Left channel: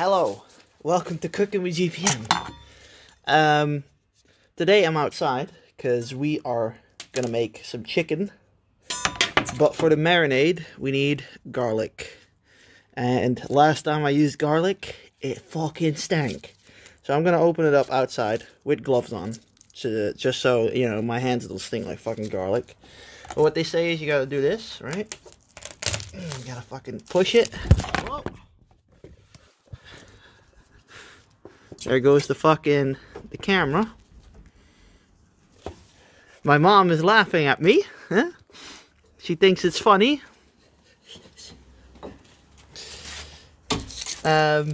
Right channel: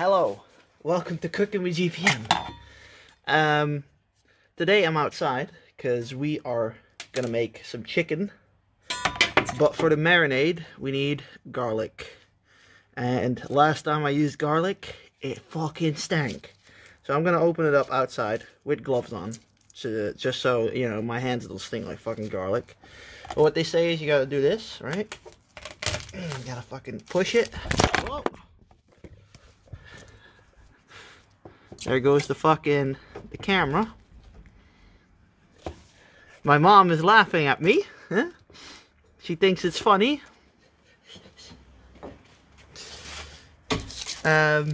Hello, welcome to Cooking with GPM. Today I'm outside because we are gonna make some chicken, but for the marinade we need garlic. And last time I used garlic, it fucking stank. So I'm gonna open it up outside with gloves on, so just so you know my hands don't stink like fucking garlic. But what they say is you gotta do this, right? You gotta fucking push it. Whoa. There goes the camera. My mom is laughing at me. Huh? She thinks it's funny. Now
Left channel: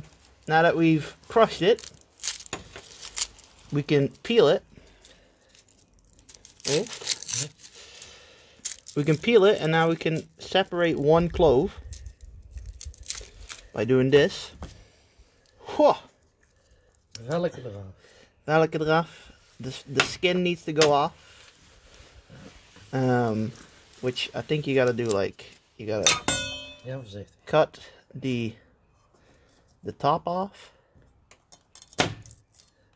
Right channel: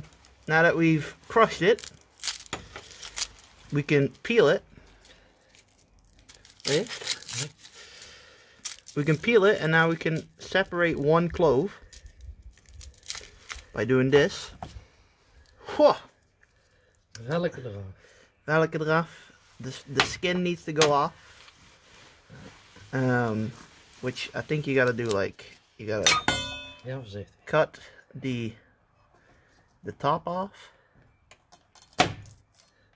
that we've crushed it, we can peel it. Right? We can peel it, and now we can separate one clove by doing this. Whoa. Welke eraf? Welke eraf. The skin needs to go off. Which I think you gotta do, like, you gotta cut the top off.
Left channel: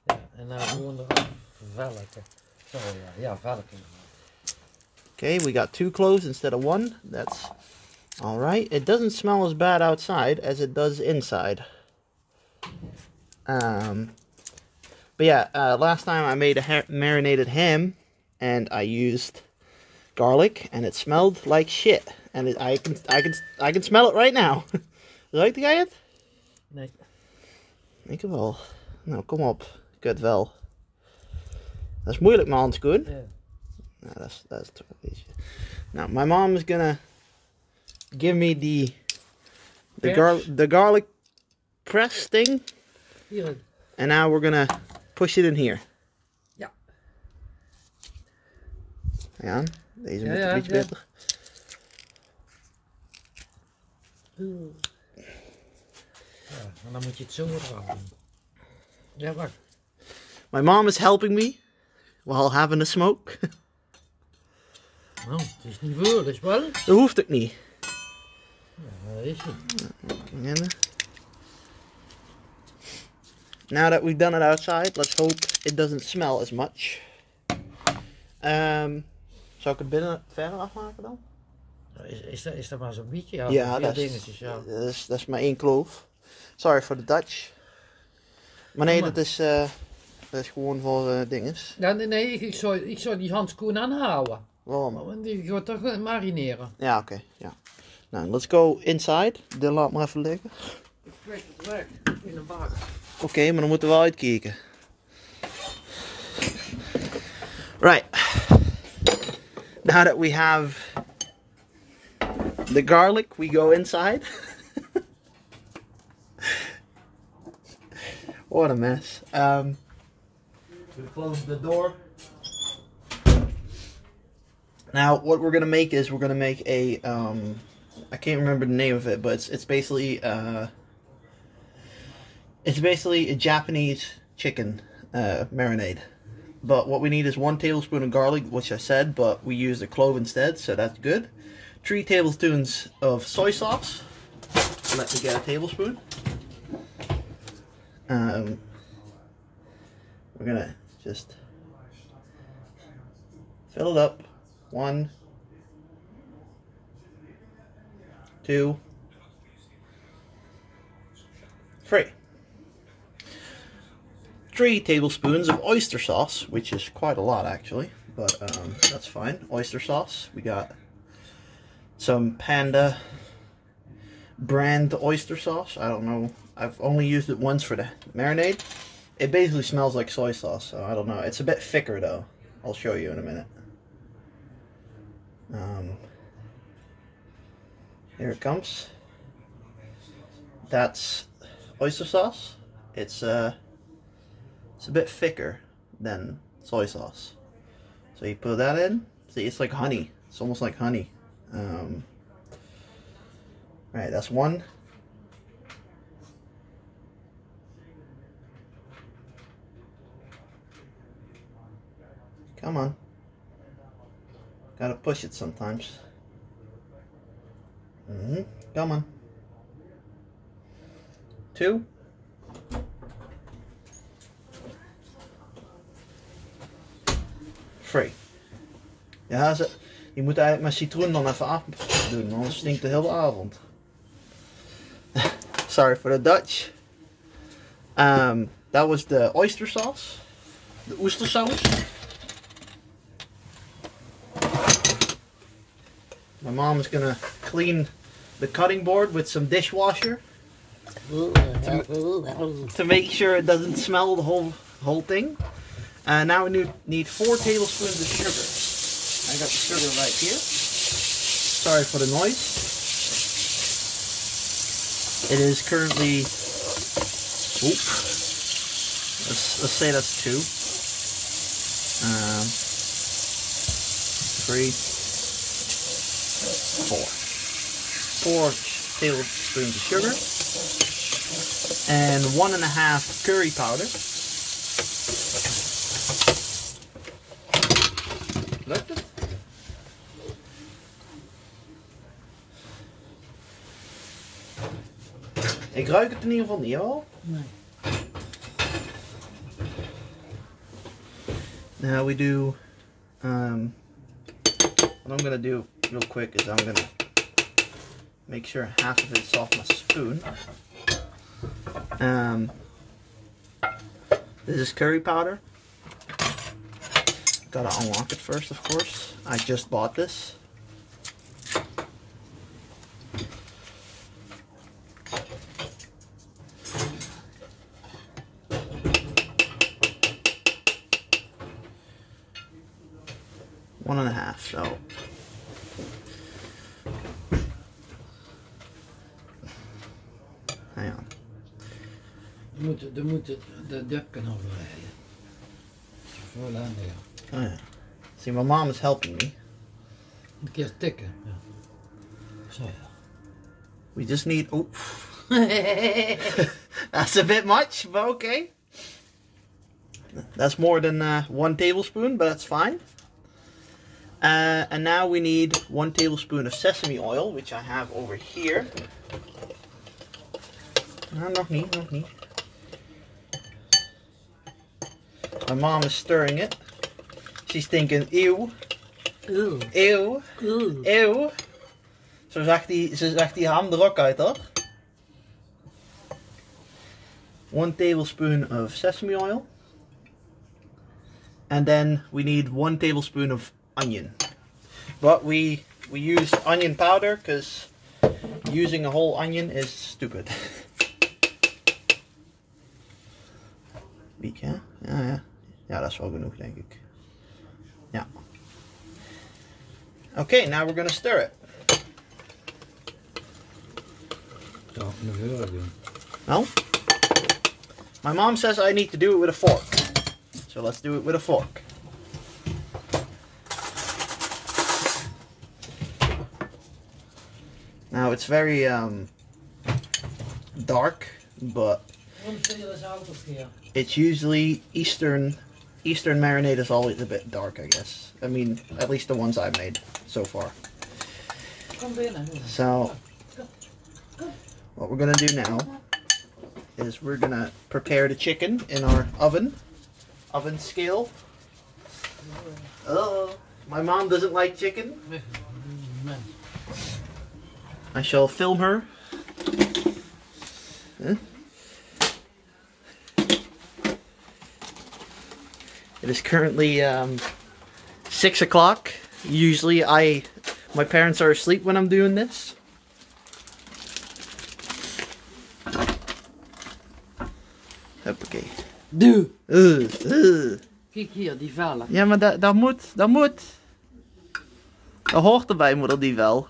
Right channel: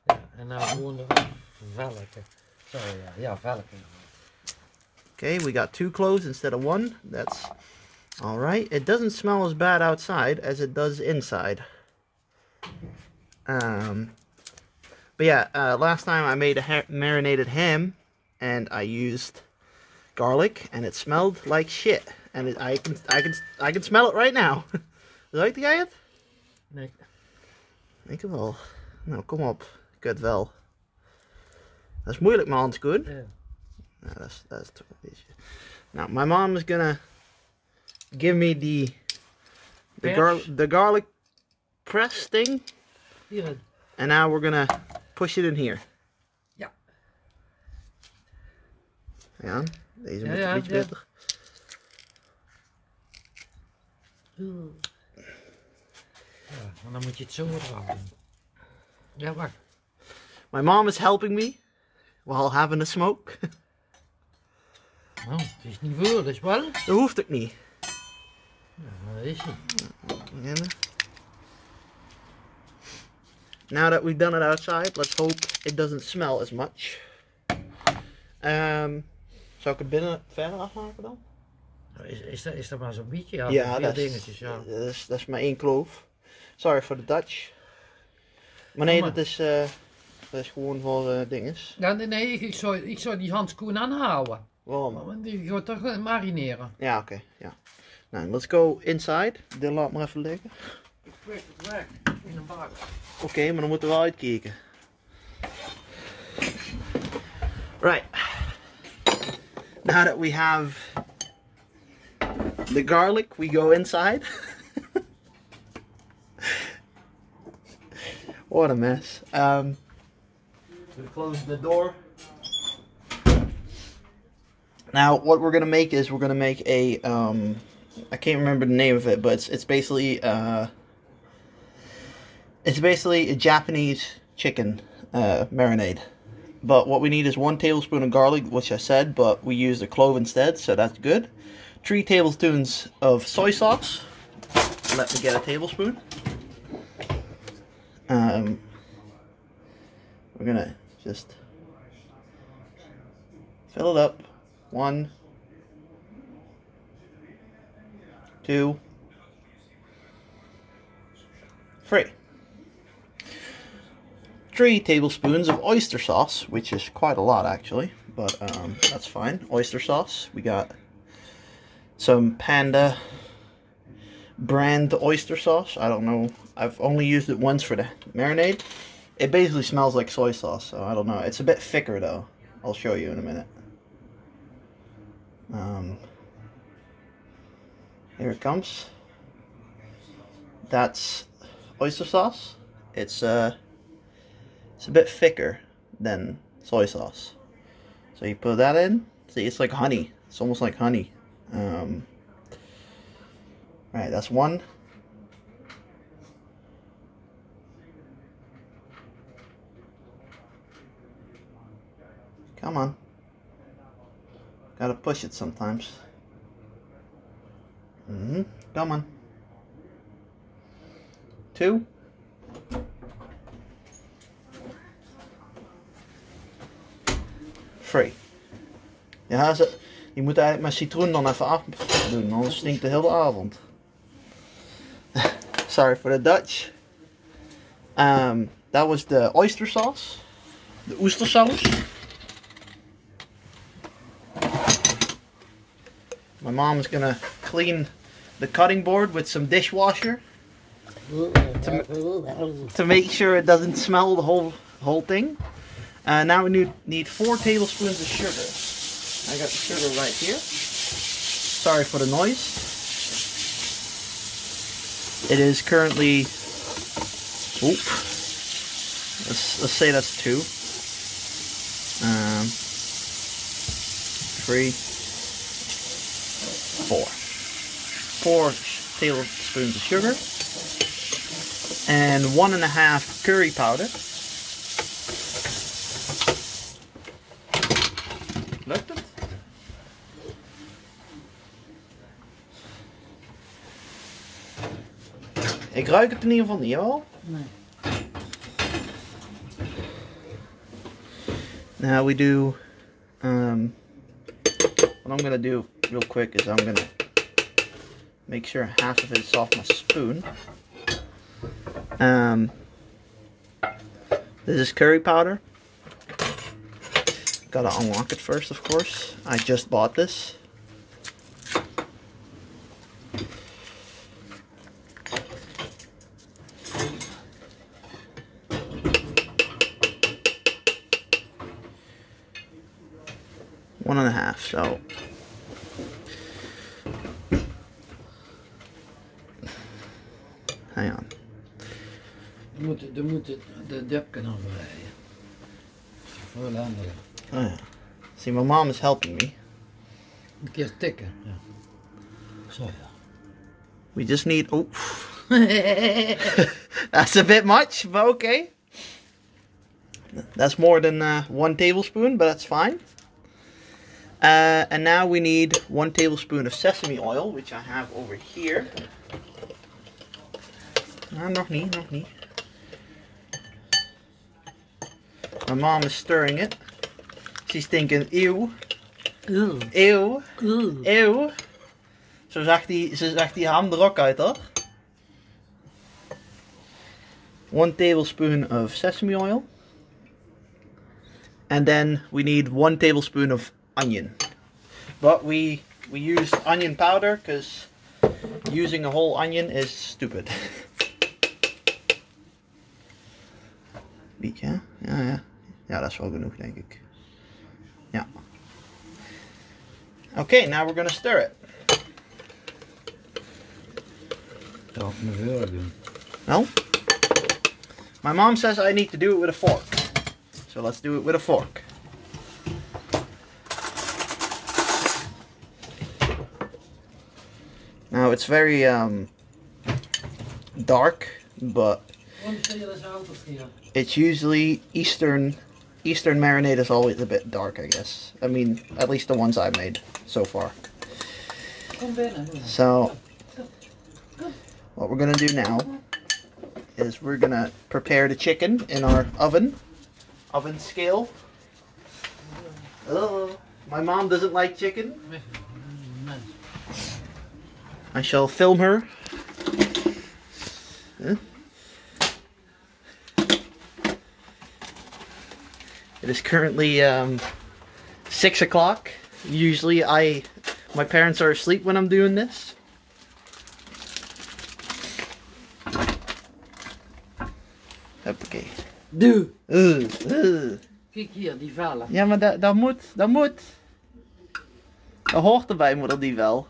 Ja, en nou gewoon eraf velken. Zo ja, velken. Okay, we got 2 cloves instead of 1. That's alright. It doesn't smell as bad outside as it does inside. But yeah, last time I made a marinated ham and I used garlic and it smelled like shit. And I can smell it right now. Ruikt jij het? Nee. Ik wel. Nou, kom op. Kut wel. Dat is moeilijk, mijn handschoen. Yeah. No, that's too easy. Now my mom is gonna give me the garlic press thing. Hier. And now we're gonna push it in here. Ja. Ja, deze moet iets beter. Ja, en dan moet je het zo eraf doen. Ja, wacht. My mom is helping me while having a smoke. Oh, het is niet voor, dus wel. Dat hoeft ook niet. Ja, dat is het. Now that we've done it outside, let's hope it doesn't smell as much. Zou ik het binnen verder afmaken dan? Is dat maar zo'n beetje? Ja, Ja, dat is maar 1 kloof. Sorry for the Dutch. Maar nee, dat is gewoon voor dinges. Ja, nee, ik zou die handschoen aanhouden. Waarom? Want die gaat toch marineren. Ja, oké. Ja. Nou, let's go inside. Dit laat maar even liggen. Ik kwijt het weg in de bak. Oké, maar dan moeten we wel uitkijken. Right. Now that we have the garlic, we go inside. What a mess. We close the door. Now, what we're gonna make is we're gonna make a I can't remember the name of it, but it's basically a Japanese chicken marinade. But what we need is 1 tablespoon of garlic, which I said, but we used a clove instead, so that's good. 3 tablespoons of soy sauce. Let me get a tablespoon. We're gonna just fill it up. 1, 2, 3. 3 tablespoons of oyster sauce, which is quite a lot actually, but that's fine. Oyster sauce. We got some Panda brand oyster sauce. I don't know. I've only used it once for the marinade. It basically smells like soy sauce, so I don't know. It's a bit thicker though. I'll show you in a minute. Here it comes. That's oyster sauce. It's a bit thicker than soy sauce. So you put that in. See, it's like honey. It's almost like honey. Right, that's 1. Come on. Gotta push it sometimes. Come on. 2. Free. Ja, je moet eigenlijk mijn citroen dan even af doen, anders stinkt de hele avond. Sorry for the Dutch. That was the oyster sauce. The oestersaus. My mom's gonna clean the cutting board with some dishwasher to make sure it doesn't smell the whole thing. Now we need 4 tablespoons of sugar. I got the sugar right here. Sorry for the noise. It is currently, let's say that's 2. 3, 4. 4 tablespoons of sugar and 1.5 curry powder. Lukt het? Ik ruik het in ieder geval niet, hoor. Nee. Now we do, what I'm gonna do real quick is I'm gonna make sure half of it's off my spoon. This is curry powder. Gotta unlock it first, of course. I just bought this. One and a half, so. Hang on. Je moet de depken afleiden. Voor de andere. Oh yeah. See, my mom is helping me. Een keer tikken. Ja. Zo ja. We just need. Oh. That's a bit much, but okay. That's more than 1 tablespoon, but that's fine. And now we need 1 tablespoon of sesame oil, which I have over here. No, nog niet. My mom is stirring it. She's thinking, ew. Ew. Ew. Ew. Ew. Zo zag die ham er ook uit, toch? 1 tablespoon of sesame oil. And then we need 1 tablespoon of onion. But we used onion powder because using a whole onion is stupid. Week, ja? Ja, dat is wel genoeg, denk ik. Ja. Okay, now we're gonna stir it. Zou ik een vuur doen? No? My mom says I need to do it with a fork. So let's do it with a fork. Now it's very dark, but it's usually Eastern marinade is always a bit dark, I guess. I mean, at least the ones I've made so far. So what we're gonna do now is we're gonna prepare the chicken in our oven scale. Oh, my mom doesn't like chicken. I shall film her. Huh? It is currently 6 o'clock. Usually my parents are asleep when I'm doing this. Hoppakee. Doe! Kijk hier, die vellen. Ja, maar dat moet. Dat hoort erbij, moeder, die wel.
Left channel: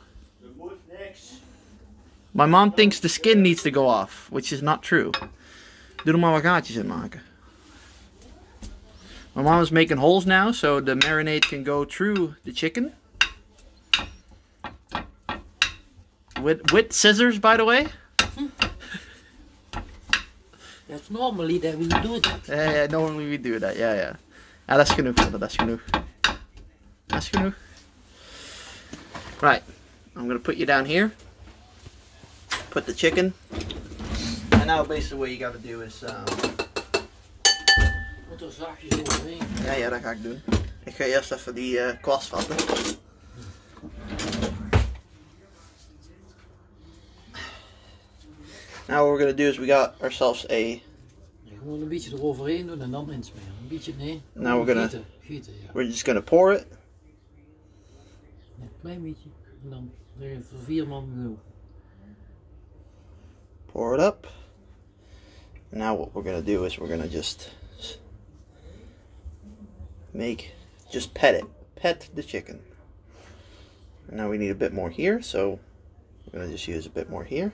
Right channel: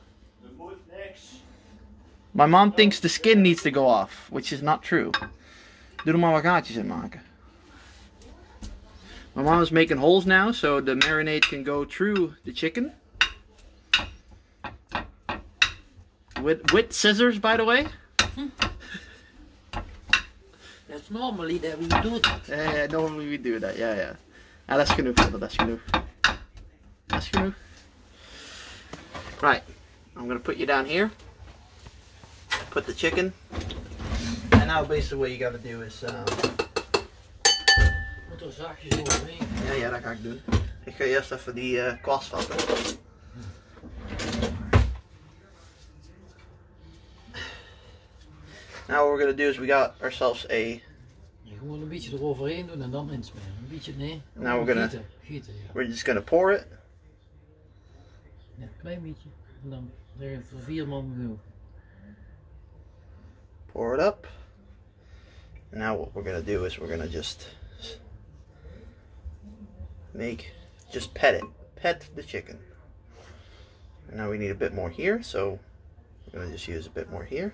My mom thinks the skin needs to go off, which is not true. Doe er maar wat gaatjes in maken. My mom is making holes now, so the marinade can go through the chicken. With scissors, by the way. That's normally that we do that. Yeah, normally we do that. Yeah. Ja, dat is genoeg, dat is genoeg. Dat is genoeg. Right, I'm gonna put you down here. Put the chicken. And now basically what you gotta do is... Moet er zachtjes overheen. Ja, dat ga ik doen. Ik ga eerst even die kwast vatten. Now what we're gonna do is we got ourselves a. Gewoon een beetje eroverheen doen en dan insmeren. Een beetje, nee. Now we're gonna. Gieten, ja. We're just gonna pour it. Ja, een klein beetje. En dan zeggen voor 4 man genoeg. Pour it up. Now what we're gonna do is we're gonna just pet it. Pet the chicken. And now we need a bit more here, so we're gonna just use a bit more here.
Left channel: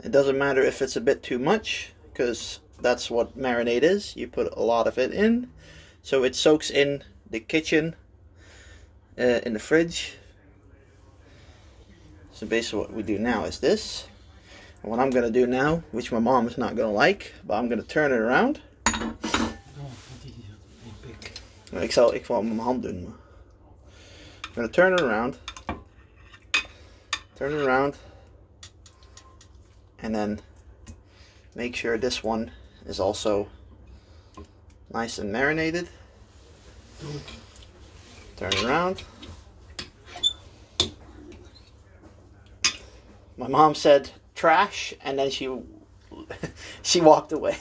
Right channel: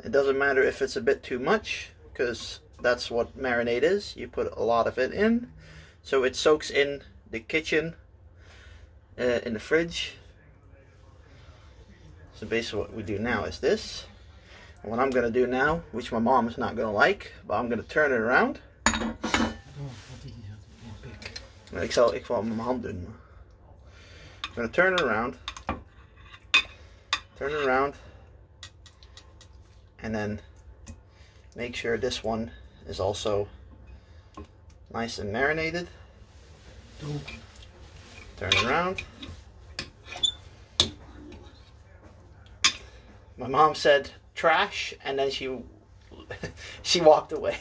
It doesn't matter if it's a bit too much, because that's what marinade is. You put a lot of it in, so it soaks in the kitchen, in the fridge. So basically what we do now is this. And what I'm going to do now, which my mom is not going to like, but I'm going to turn it around. Ik zal met mijn hand doen. I'm going to turn it around. Turn it around. And then make sure this one is also nice and marinated. Turn it around. My mom said trash, and then she walked away.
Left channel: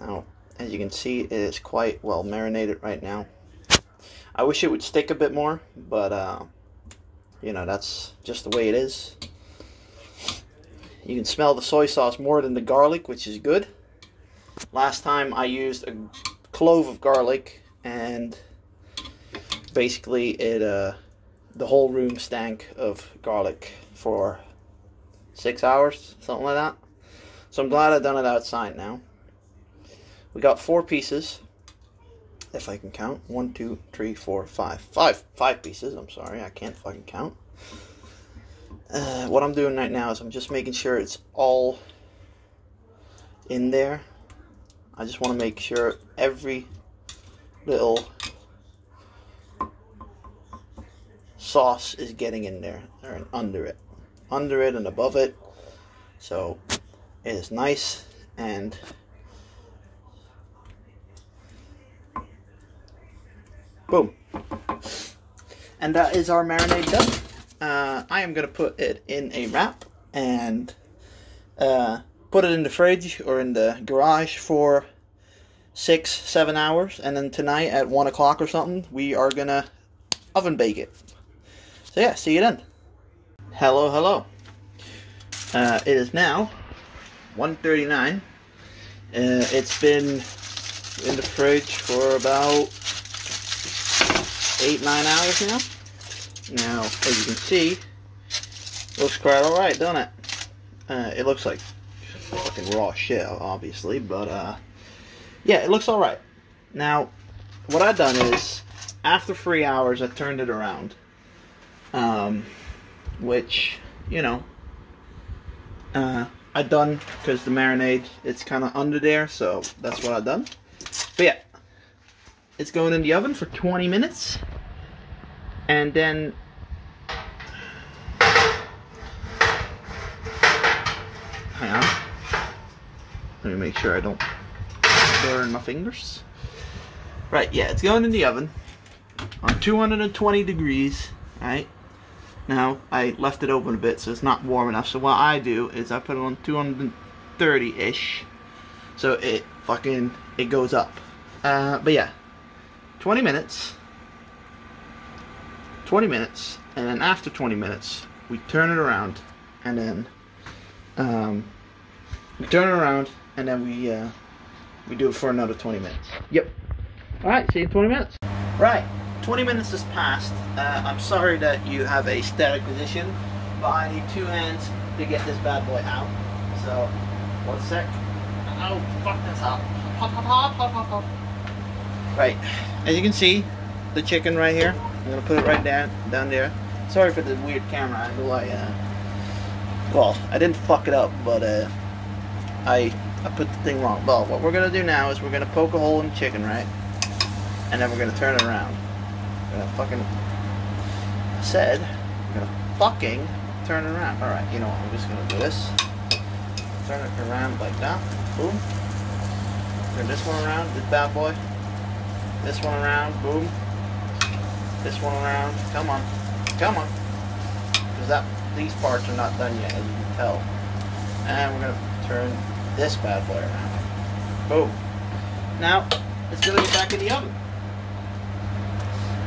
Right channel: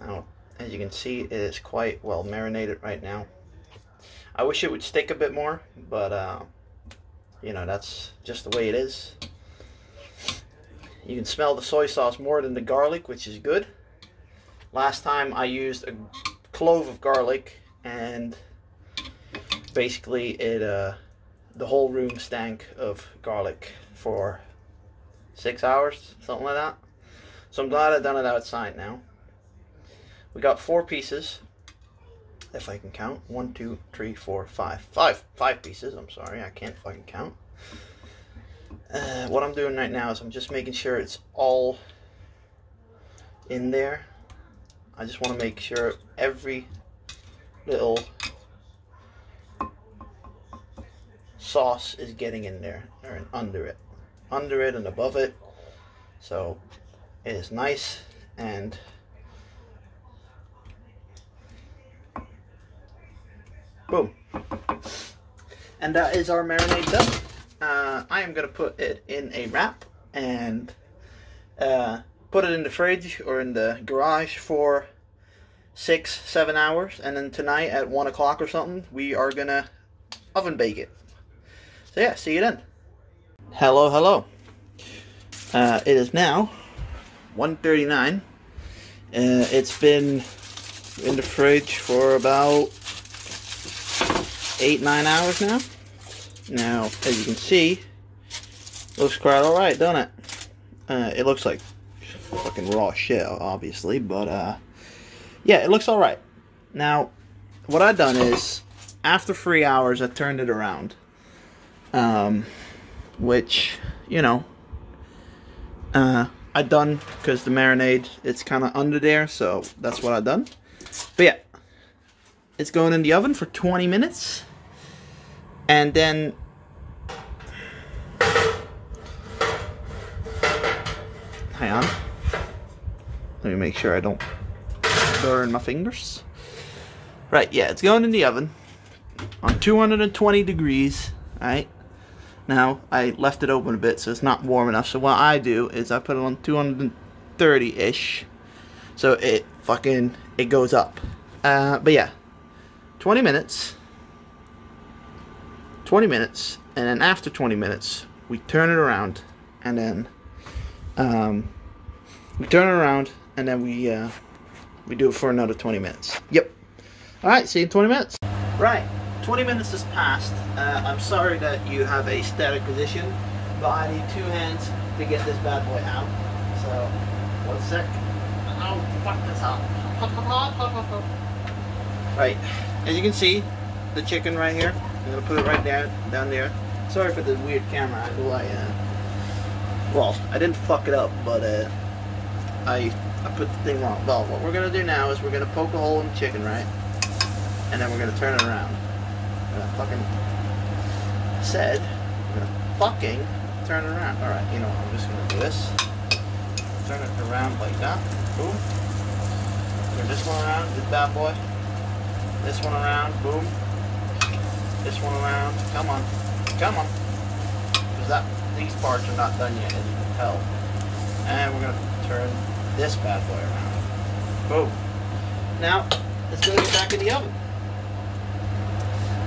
Now, as you can see, it is quite well marinated right now. I wish it would stick a bit more, but you know, that's just the way it is. You can smell the soy sauce more than the garlic, which is good. Last time I used a clove of garlic, and basically it the whole room stank of garlic for 6 hours, something like that. So I'm glad I've done it outside now. We got 4 pieces, if I can count. 1, 2, 3, 4, 5. 5 pieces. I'm sorry, I can't fucking count. What I'm doing right now is I'm just making sure it's all in there. I just want to make sure every little sauce is getting in there, or under it and above it, so it is nice and boom. And that is our marinade done. I am going to put it in a wrap and put it in the fridge or in the garage for 6-7 hours, and then tonight at 1 o'clock or something we are going to oven bake it. So yeah, see you then. Hello. It is now 1:39. It's been in the fridge for about 8-9 hours now. Now, as you can see, looks quite alright, doesn't it? It looks like fucking raw shit, obviously, but yeah, it looks alright. Now, what I've done is, after 3 hours, I turned it around. Which, you know, I done because the marinade, it's kind of under there, so that's what I done. But yeah, it's going in the oven for 20 minutes, and then hang on, let me make sure I don't burn my fingers. Right, yeah, it's going in the oven on 220 degrees. Alright, now I left it open a bit so it's not warm enough, so what I do is I put it on 230-ish, so it goes up. But yeah, 20 minutes, and then after 20 minutes we turn it around, and then we do it for another 20 minutes. Yep. Alright, see you in 20 minutes. Right, 20 minutes has passed. I'm sorry that you have a static position, but I need 2 hands to get this bad boy out. So, 1 sec. Oh, fuck this up. Right, as you can see, the chicken right here. I'm gonna put it right down there. Sorry for the weird camera angle. Well, I didn't fuck it up, but I put the thing wrong. Well, what we're gonna do now is we're gonna poke a hole in the chicken, right? And then we're gonna turn it around. I fucking said I'm gonna fucking turn it around. Alright, you know what, I'm just gonna do this. Turn it around like that. Boom. Turn this one around, this bad boy. This one around, boom. This one around, come on. Come on. Because these parts are not done yet, as you can tell. And we're gonna turn this bad boy around. Boom. Now, let's go back in the oven.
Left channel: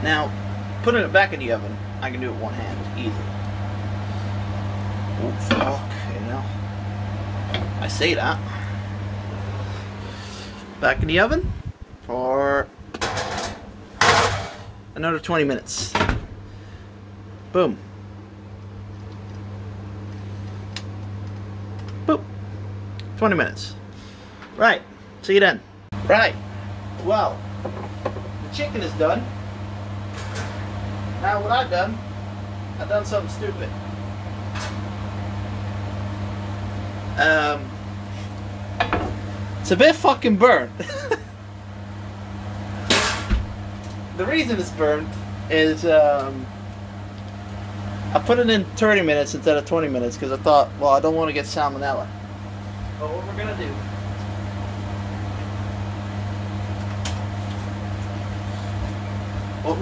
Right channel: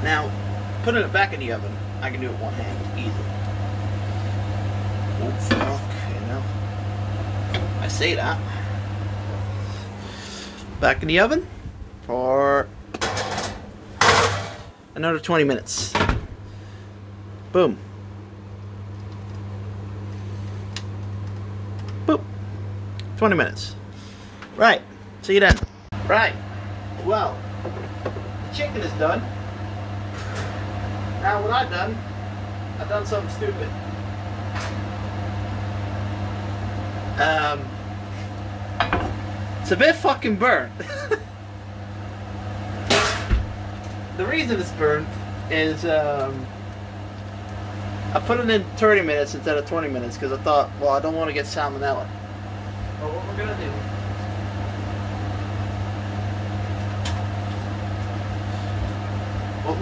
Now, putting it back in the oven, I can do it with one hand, easy. Oh, fuck, you know. I say that. Back in the oven for another 20 minutes. Boom. Boop. 20 minutes. Right. See you then. Right. Well, the chicken is done. Now what I've done something stupid. It's a bit fucking burnt. The reason it's burnt is I put it in 30 minutes instead of 20 minutes because I thought, well, I don't want to get salmonella. But what we're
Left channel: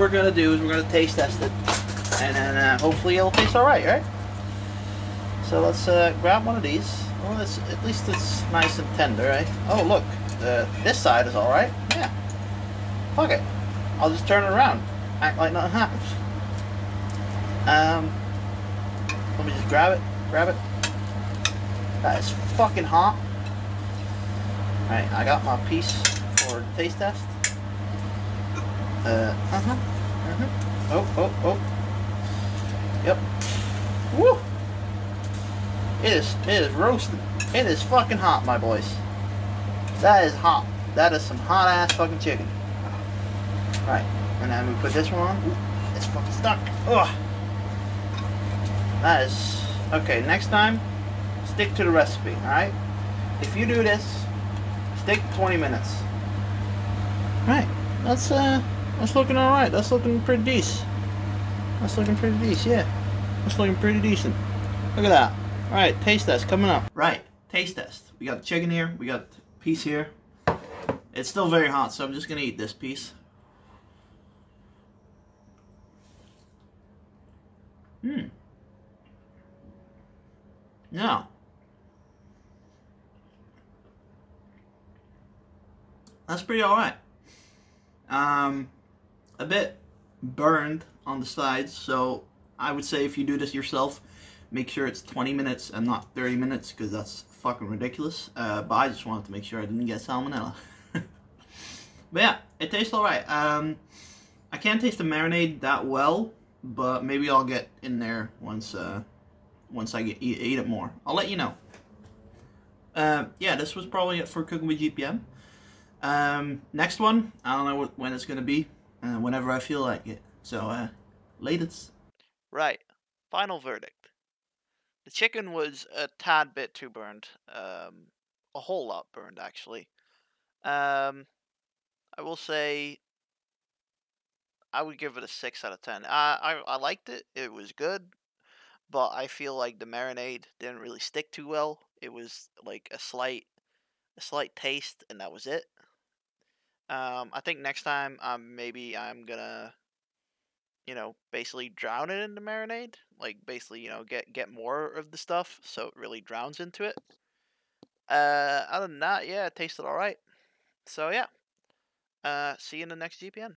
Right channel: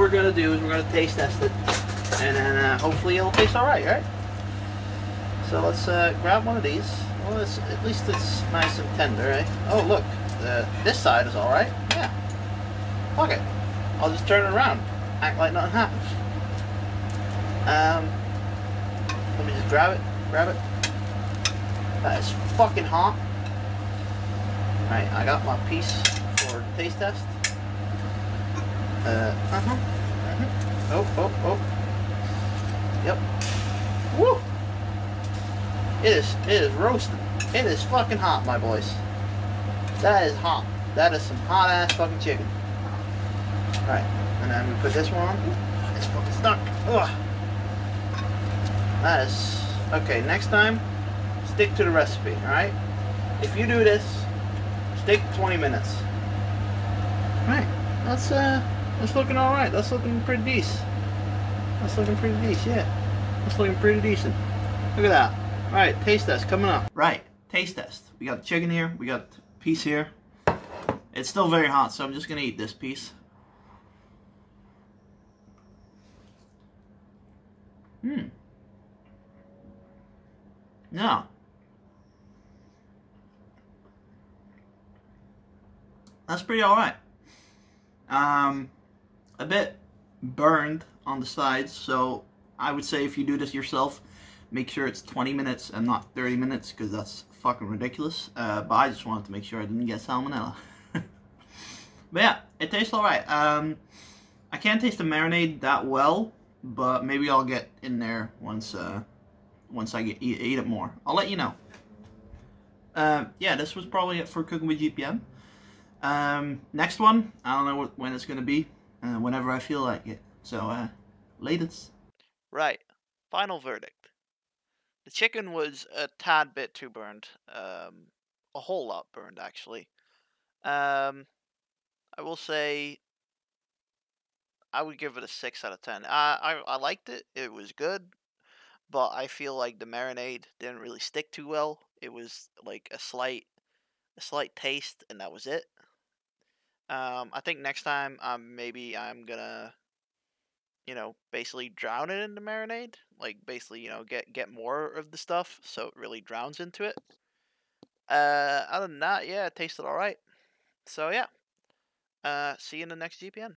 gonna do, is we're gonna taste test it, and then hopefully it'll taste all right, right? So let's grab one of these. Well, at least it's nice and tender, right? Oh, look, this side is all right. Yeah. Fuck it. I'll just turn it around, act like nothing happens. Let me just grab it. That is fucking hot. Right, I got my piece for the taste test. Oh. Yep. Woo! It is roasting. It is fucking hot, my boys. That is hot. That is some hot ass fucking chicken. Right, and then we put this one on. Ooh, it's fucking stuck. Ugh. That is okay. Next time, stick to the recipe. All right. If you do this, stick 20 minutes. Right. That's looking all right. That's looking pretty decent. Yeah. That's looking pretty decent. Look at that. All right. Taste test coming up. Right. Taste test. We got the chicken here. We got the piece here. It's still very hot, so I'm just gonna eat this piece. Yeah. That's pretty alright. A bit burned on the sides, so I would say if you do this yourself, make sure it's 20 minutes and not 30 minutes, because that's fucking ridiculous. But I just wanted to make sure I didn't get salmonella. But yeah, it tastes alright. I can't taste the marinade that well, but maybe I'll get in there once I eat it more. I'll let you know. Yeah, this was probably it for Cooking with GPM. Next one, I don't know when it's gonna be. Whenever I feel like it. So, latest. Right. Final verdict. The chicken was a tad bit too burned. A whole lot burned, actually. I will say I would give it a 6 out of 10. I liked it. It was good. But I feel like the marinade didn't really stick too well. It was like a slight taste, and that was it. I think next time, maybe I'm gonna, basically drown it in the marinade. Like basically, get more of the stuff so it really drowns into it. Other than that, yeah, it tasted all right. So yeah. See you in the next GPN.